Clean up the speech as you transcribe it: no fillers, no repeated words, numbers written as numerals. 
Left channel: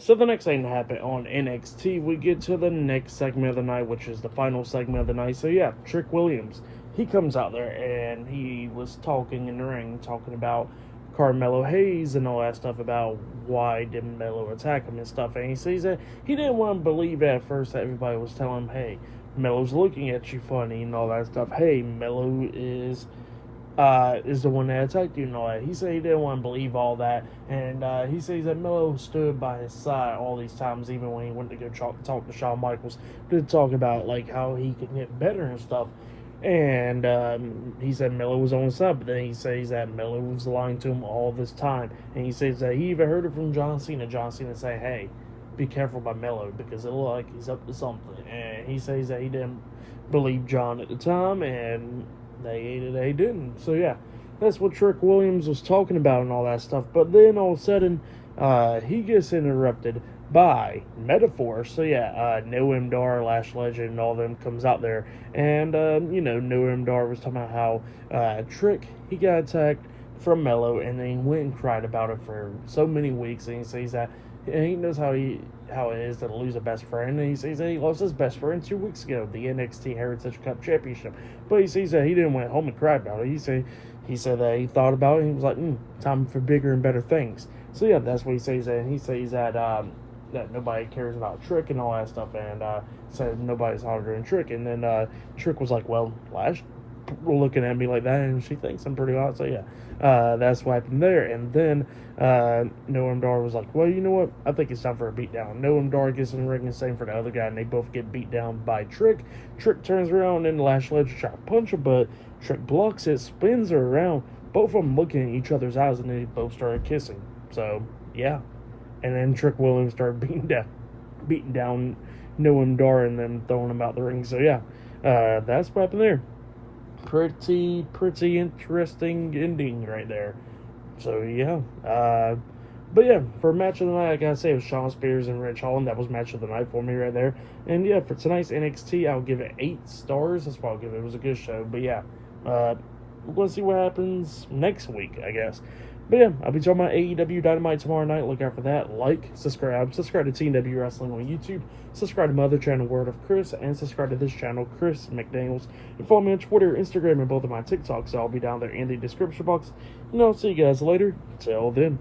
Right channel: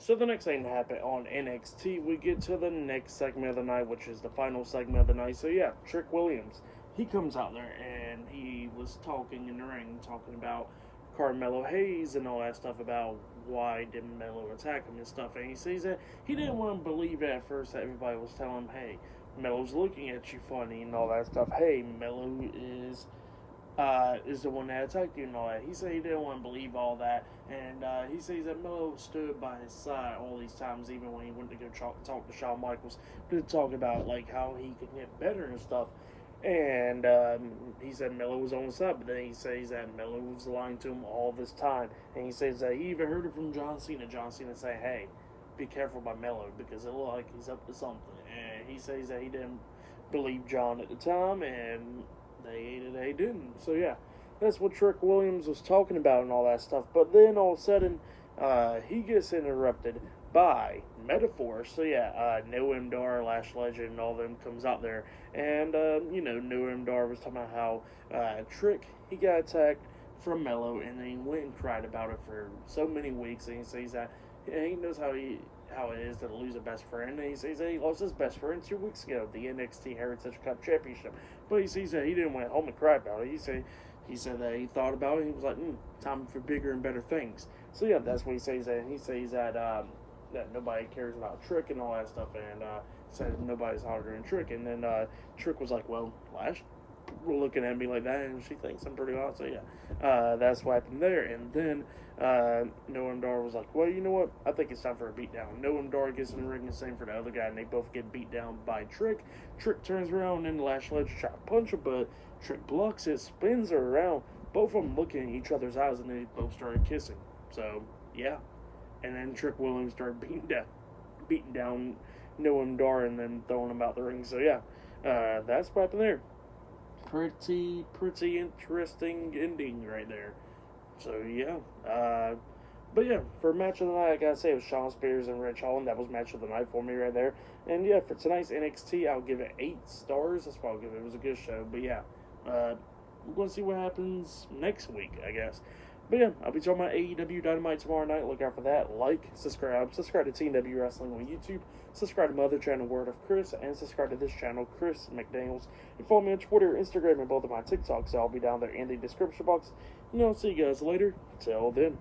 So the next thing to happen on NXT, we get to the next segment of the night, which is the final segment of the night. So yeah, Trick Williams, he comes out there and he was talking in the ring, talking about Carmelo Hayes and all that stuff about why didn't Melo attack him and stuff. And he says that he didn't want to believe at first that everybody was telling him, hey, Melo's looking at you funny and all that stuff. Hey, Melo is the one that attacked you and all that. He said he didn't want to believe all that, and he says that Melo stood by his side all these times, even when he went to go talk to Shawn Michaels to talk about like how he could get better and stuff. And he said Melo was on his side, but then he says that Melo was lying to him all this time, and he says that he even heard it from John Cena. John Cena say, "Hey, be careful by Melo because it looks like he's up to something." And he says that he didn't believe John at the time, and they didn't. So yeah, that's what Trick Williams was talking about and all that stuff. But then all of a sudden, he gets interrupted by Metaphor. So yeah, Noam Dar, Lash Legend, and all them comes out there, and Noam Dar was talking about how Trick he got attacked from Melo, and then he went and cried about it for so many weeks, and he says that and he knows how it is to lose a best friend, and he says that he lost his best friend 2 weeks ago, the NXT Heritage Cup Championship. But he says that he didn't went home and cry about it. He said that he thought about it, and he was like, time for bigger and better things. So yeah, that's what he says. And he says that that nobody cares about Trick and all that stuff, and said nobody's harder than Trick. And then Trick was like, well, Lash looking at me like that, and she thinks I'm pretty hot. So yeah, that's what happened there. And then Noam Dar was like, well, you know what? I think it's time for a beatdown. Noam Dar gets in the ring and same for the other guy, and they both get beat down by Trick. Trick turns around and Lash Legend try to punch him, but Trick blocks it, spins her around. Both of them looking at each other's eyes, and they both started kissing. So yeah, and then Trick Williams started beating down Noam Dar, and then throwing him out the ring. So yeah, that's what happened there. Pretty interesting ending right there. So yeah, but yeah, for match of the night, I gotta say it was Shawn Spears and Rich Holland. That was match of the night for me right there. And yeah, for tonight's NXT, I'll give it 8 stars. That's what I'll give it. It was a good show. But yeah, we're gonna see what happens next week, I guess. But yeah, I'll be talking about AEW Dynamite tomorrow night. Look out for that. Like, subscribe to TNW Wrestling on YouTube. Subscribe to my other channel, Word of Chris, and subscribe to this channel, Chris McDaniels. And follow me on Twitter, Instagram, and both of my TikToks. So I'll be down there in the description box. And I'll see you guys later. Till then.